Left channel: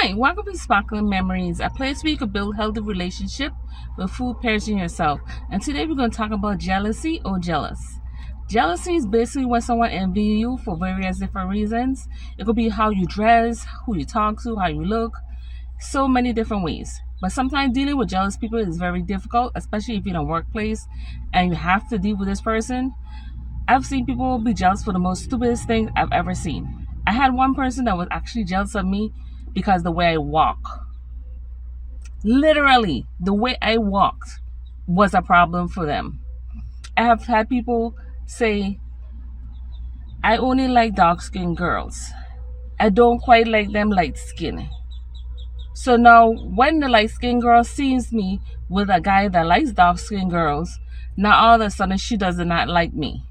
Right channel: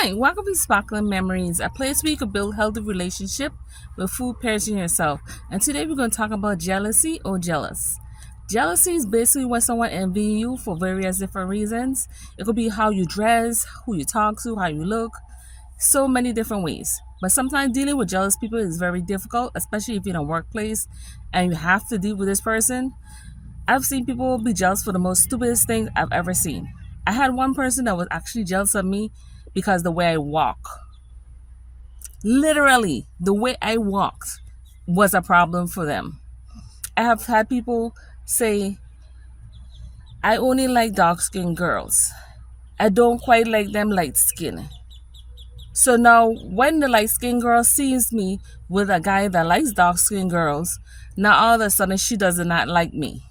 Hi, welcome to Sparkling Memories, a place where you can build healthy relationship with food pairs in yourself. And today we're going to talk about jealousy or jealous. Jealousy is basically when someone envies you for various different reasons. It could be how you dress, who you talk to, how you look, so many different ways. But sometimes dealing with jealous people is very difficult, especially if you're in a workplace and you have to deal with this person. I've seen people be jealous for the most stupidest things I've ever seen. I had one person that was actually jealous of me because the way I walk. Literally, the way I walked was a problem for them. I have had people say, I only like dark skinned girls. I don't quite like them light skinned. So now, when the light skinned girl sees me with a guy that likes dark skinned girls, now all of a sudden she does not like me.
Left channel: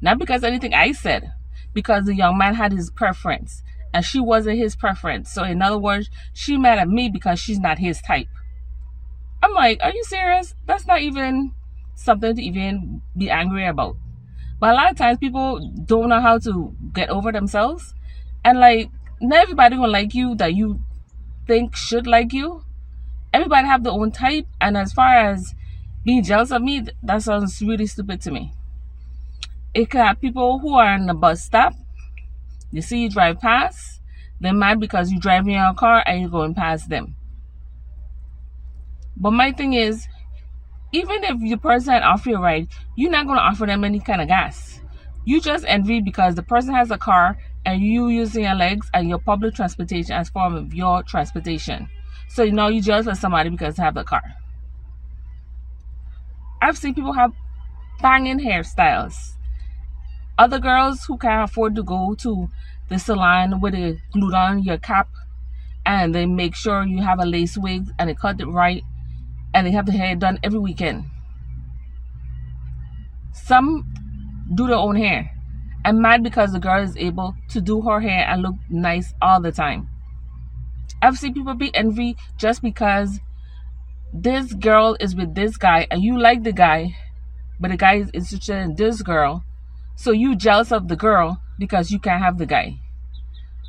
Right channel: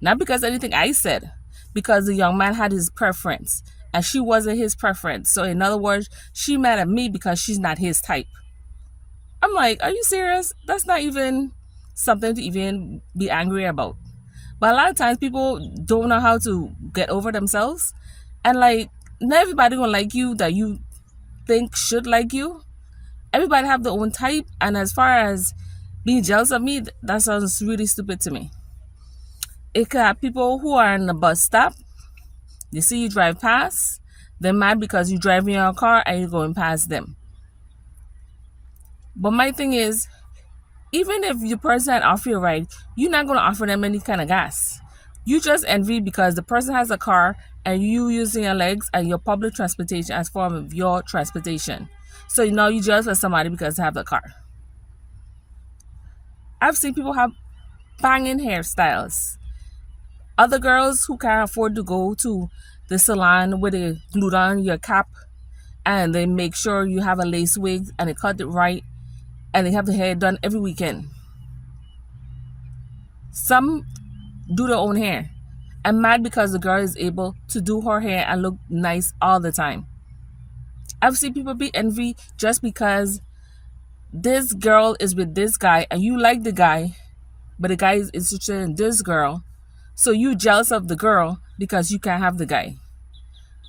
Not because anything I said, because the young man had his preference and she wasn't his preference. So in other words, she mad at me because she's not his type. I'm like, are you serious? That's not even something to even be angry about. But a lot of times people don't know how to get over themselves. And like, not everybody gonna like you that you think should like you. Everybody have their own type. And as far as being jealous of me, that sounds really stupid to me. It could have people who are in the bus stop. They see you drive past. They're mad because you're driving your car and you're going past them. But my thing is, even if your person had offered you a ride, you're not going to offer them any kind of gas. You just envy because the person has a car and you using your legs and your public transportation as form of your transportation. So now you jealous of somebody because they have a car. I've seen people have banging hairstyles. Other girls who can't afford to go to the salon where they glue down your cap and they make sure you have a lace wig and they cut it right and they have the hair done every weekend. Some do their own hair. I'm mad because the girl is able to do her hair and look nice all the time. I've seen people be envy just because this girl is with this guy and you like the guy, but the guy is interested in this girl. So you jealous of the girl because you can't have the guy.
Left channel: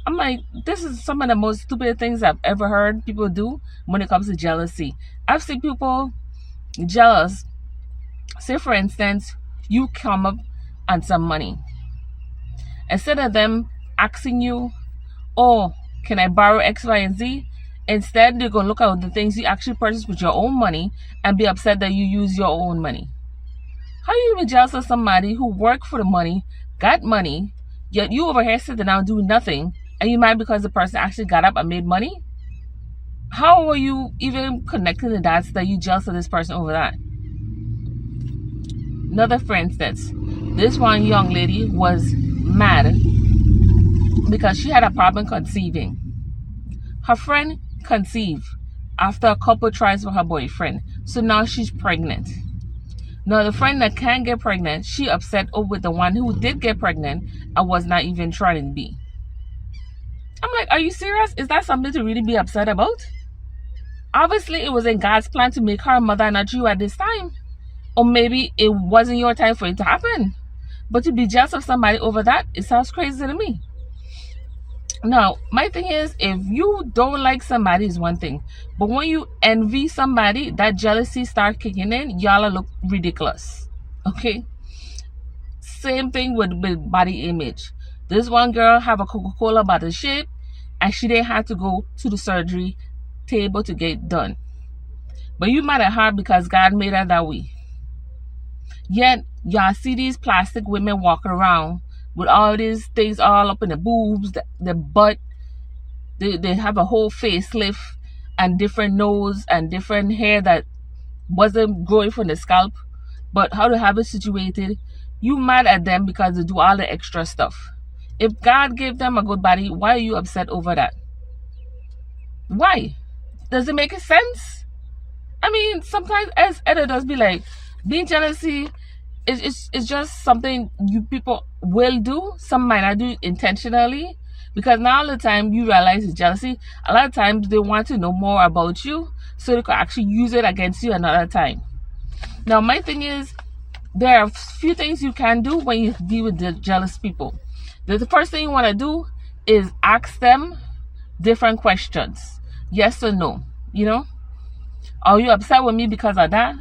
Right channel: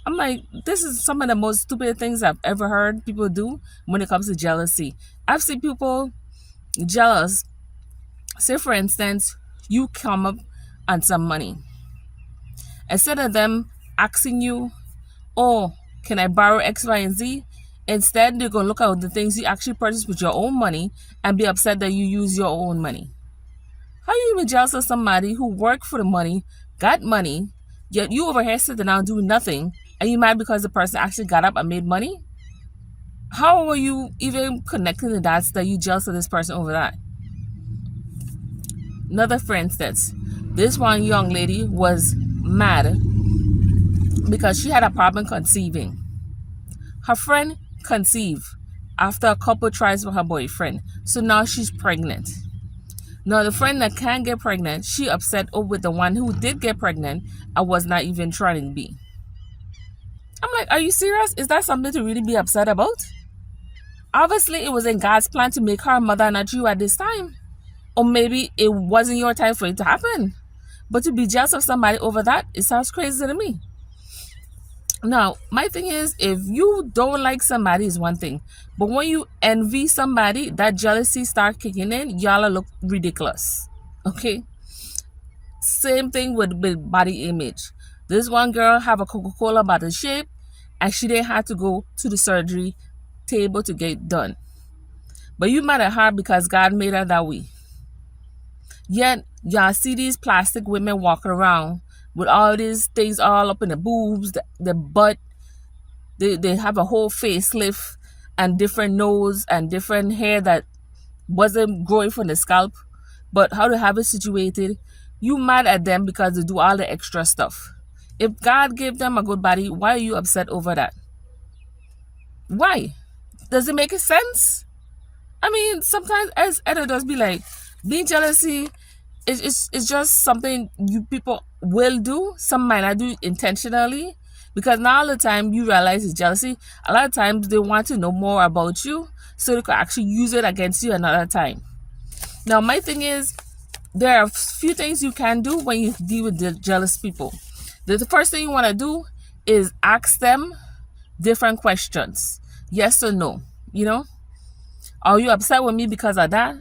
I'm like, this is some of the most stupid things I've ever heard people do when it comes to jealousy. I've seen people jealous. Say, for instance, you come up on some money. Instead of them asking you, oh, can I borrow X, Y, and Z? Instead, they're going to look at the things you actually purchased with your own money and be upset that you use your own money. How are you even jealous of somebody who worked for the money, got money, yet you over here sitting down doing nothing, and you mad because the person actually got up and made money? How are you even connecting the dots that you jealous of this person over that? Another for instance, this one young lady was mad because she had a problem conceiving. Her friend conceived after a couple tries with her boyfriend, so now she's pregnant. Now, the friend that can't get pregnant, she upset with the one who did get pregnant and was not even trying to be. I'm like, are you serious? Is that something to really be upset about? Obviously, it was in God's plan to make her a mother, not you at this time. Or maybe it wasn't your time for it to happen. But to be jealous of somebody over that, it sounds crazy to me. Now, my thing is, if you don't like somebody is one thing. But when you envy somebody, that jealousy start kicking in, y'all look ridiculous. Okay? Same thing with body image. This one girl have a Coca-Cola bottle shape, and she didn't have to go to the surgery table to get done. But you mad at her because God made her that way. Yet, y'all see these plastic women walking around with all these things all up in the boobs, the butt. They have a whole facelift and different nose and different hair that wasn't growing from the scalp. But how to have it situated, you mad at them because they do all the extra stuff. If God gave them a good body, why are you upset over that? Why? Does it make sense? I mean, sometimes as editors be like, being jealousy it's just something you people will do. Some might not do it intentionally because not all the time you realize it's jealousy. A lot of times they want to know more about you so they can actually use it against you another time. Now, my thing is, there are a few things you can do when you deal with the jealous people. The first thing you want to do is ask them different questions. Yes or no, you know? Are you upset with me because of that?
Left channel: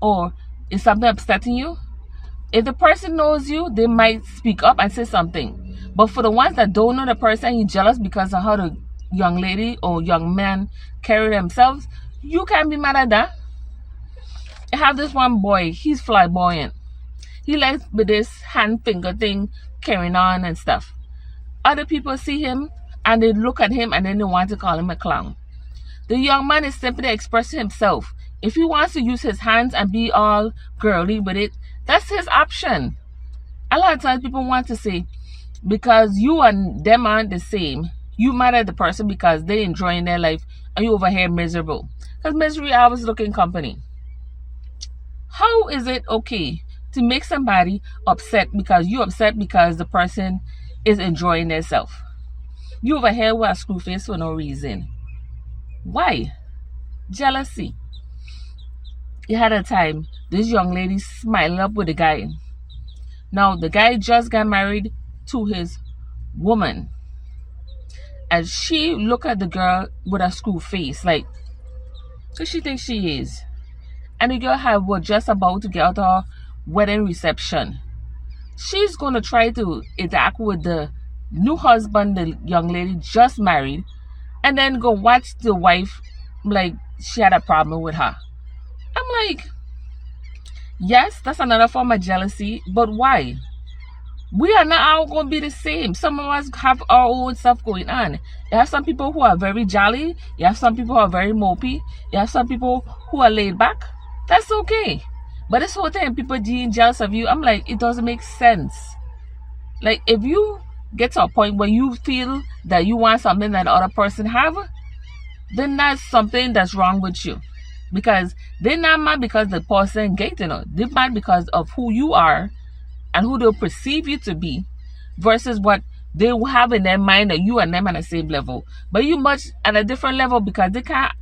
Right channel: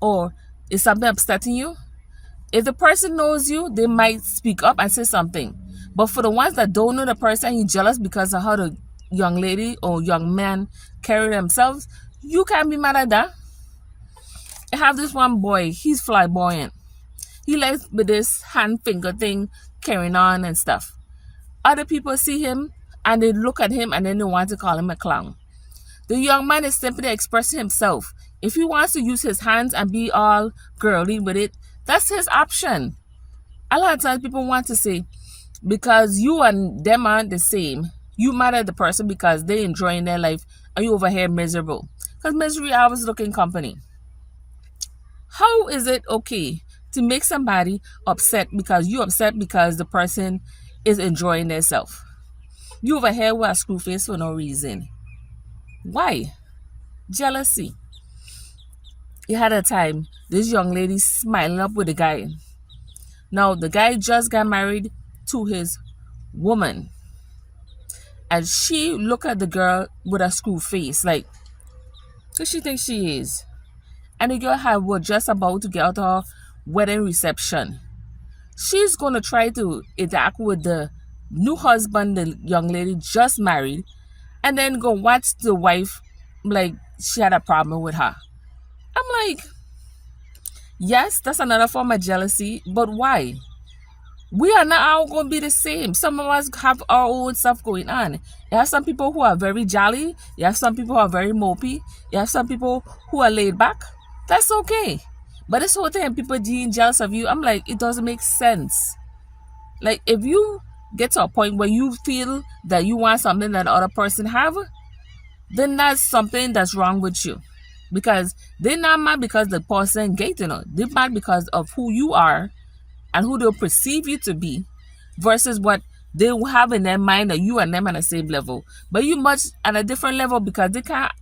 Or is something upsetting you? If the person knows you, they might speak up and say something. But for the ones that don't know the person, you're jealous because of how the young lady or young man carry themselves, you can't be mad at that. I have this one boy, he's flamboyant. He likes with this hand finger thing carrying on and stuff. Other people see him and they look at him and then they want to call him a clown. The young man is simply expressing himself. If he wants to use his hands and be all girly with it, that's his option. A lot of times people want to say, because you and them aren't the same, you mad at the person because they enjoying their life and you over here miserable. Because misery always looking company. How is it okay to make somebody upset because you upset because the person is enjoying themselves? You over here with a screw face for no reason. Why? Jealousy. You had a time, this young lady smiling up with the guy. Now, the guy just got married to his woman. And she look at the girl with a screw face, like, who she thinks she is? And the girl was just about to get out of her wedding reception. She's going to try to interact with the new husband the young lady just married, and then go watch the wife like she had a problem with her. I'm like, yes, that's another form of jealousy, but why? We are not all going to be the same. Some of us have our own stuff going on. You have some people who are very jolly. You have some people who are very mopey. You have some people who are laid back. That's okay. But this whole thing, people being jealous of you, I'm like, it doesn't make sense. Like, if you get to a point where you feel that you want something that the other person have, then that's something that's wrong with you. Because they're not mad because the person getting it. They're mad because of who you are and who they'll perceive you to be versus what they have in their mind that you and them at the same level. But you much at a different level because they can't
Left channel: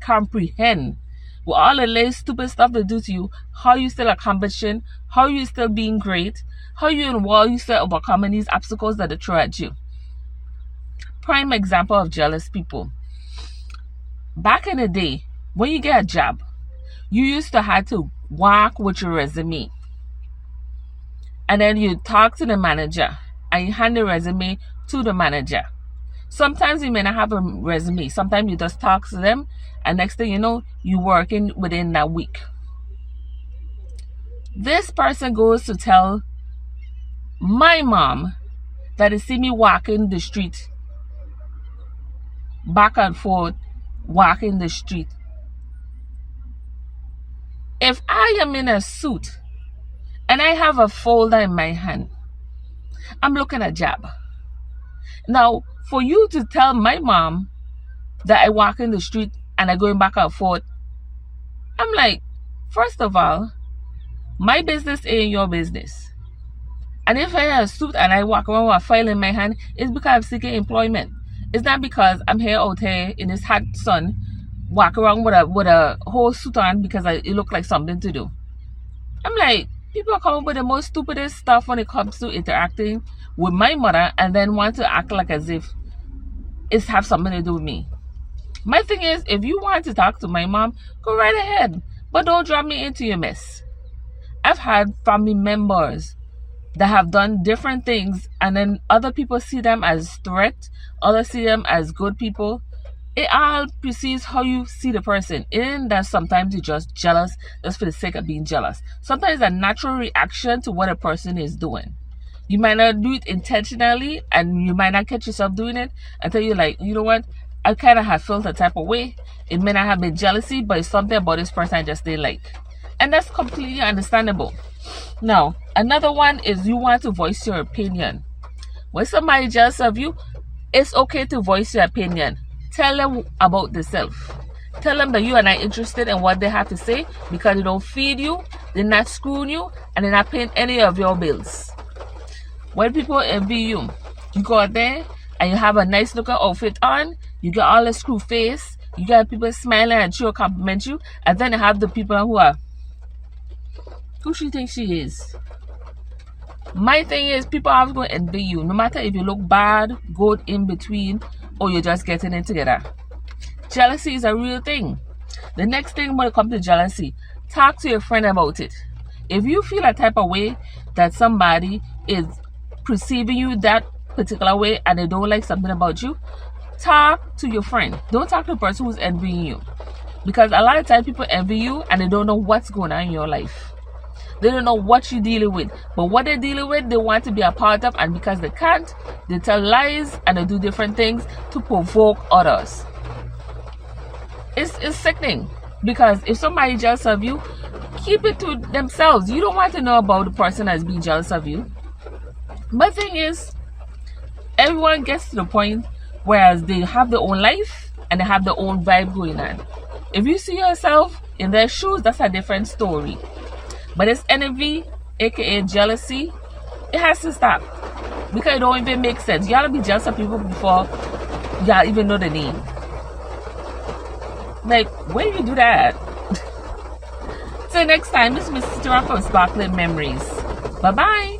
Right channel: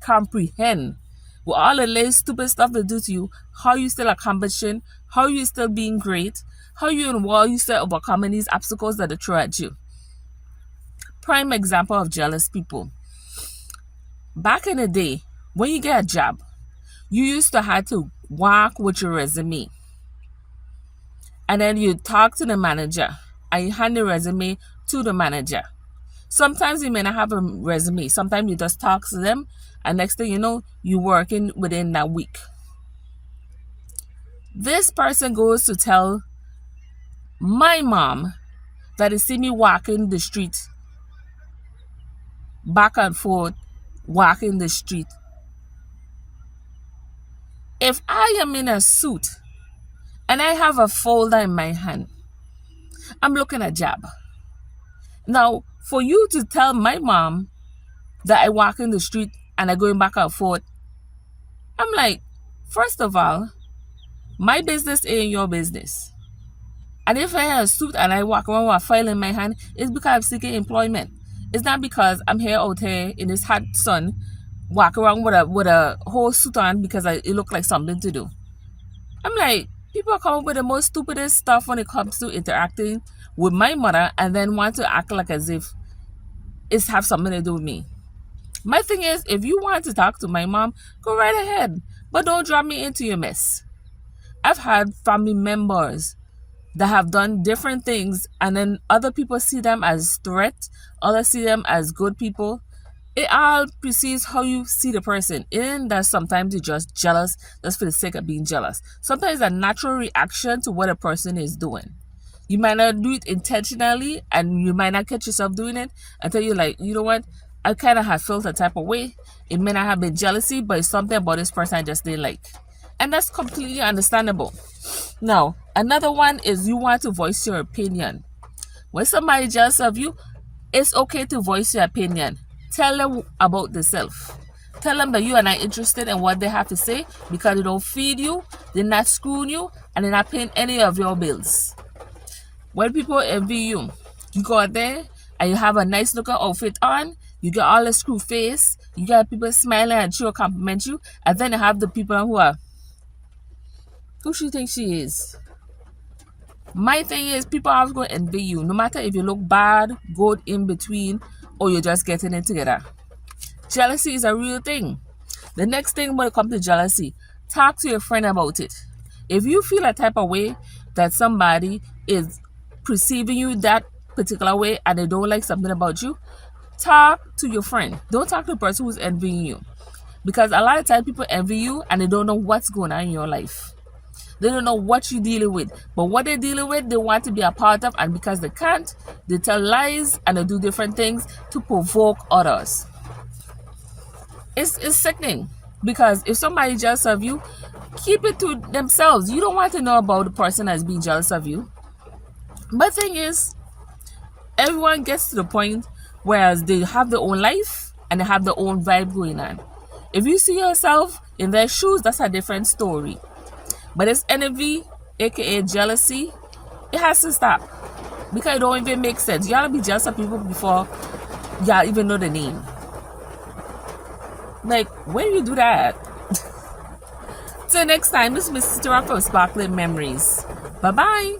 comprehend with all the little stupid stuff they do to you, how you still accomplishing, how you still being great, how you in world you still overcoming these obstacles that they throw at you. Prime example of jealous people. Back in the day, when you get a job, you used to have to walk with your resume. And then you talk to the manager and you hand the resume to the manager. Sometimes you may not have a resume. Sometimes you just talk to them and next thing you know, you're working within that week. This person goes to tell my mom that they see me walking the street, back and forth, walking the street. If I am in a suit and I have a folder in my hand, I'm looking at a job. Now, for you to tell my mom that I walk in the street and I'm going back and forth, I'm like, first of all, my business ain't your business. And if I have a suit and I walk around with a file in my hand, it's because I'm seeking employment. It's not because I'm here out here in this hot sun, walk around with a whole suit on because it look like something to do. I'm like, people come up with the most stupidest stuff when it comes to interacting with my mother and then want to act like as if it's have something to do with me. My thing is, if you want to talk to my mom, go right ahead. But don't drag me into your mess. I've had family members that have done different things and then other people see them as threat, others see them as good people. It all precedes how you see the person. And that sometimes you're just jealous just for the sake of being jealous. Sometimes it's a natural reaction to what a person is doing. You might not do it intentionally and you might not catch yourself doing it until you're like, you know what? I kind of have felt a type of way. It may not have been jealousy, but it's something about this person I just didn't like. And that's completely understandable. Now, another one is you want to voice your opinion. When somebody jealous of you, it's okay to voice your opinion. Tell them about themselves. Tell them that you are not interested in what they have to say because they don't feed you, they're not screwing you, and they're not paying any of your bills. When people envy you, you go out there and you have a nice looking outfit on, you get all the screw face, you got people smiling at you or compliment you, and then you have the people who she thinks she is. My thing is, people are going to envy you. No matter if you look bad, good, in between, or you're just getting it together. Jealousy is a real thing. The next thing when it comes to jealousy, talk to your friend about it. If you feel a type of way that somebody is perceiving you that particular way and they don't like something about you, talk to your friend. Don't talk to the person who's envying you. Because a lot of times people envy you and they don't know what's going on in your life. They don't know what you're dealing with. But what they're dealing with, they want to be a part of, and because they can't, they tell lies and they do different things to provoke others. It's sickening. Because if somebody jealous of you, keep it to themselves. You don't want to know about the person that's being jealous of you. But the thing is, everyone gets to the point whereas they have their own life and they have their own vibe going on. If you see yourself in their shoes, that's a different story. But it's envy, aka jealousy, it has to stop. Because it don't even make sense. You gotta be jealous of people before y'all even know the name. Like, when you do that? Till next time, this is Mrs. Sister from Sparkling Memories. Bye-bye.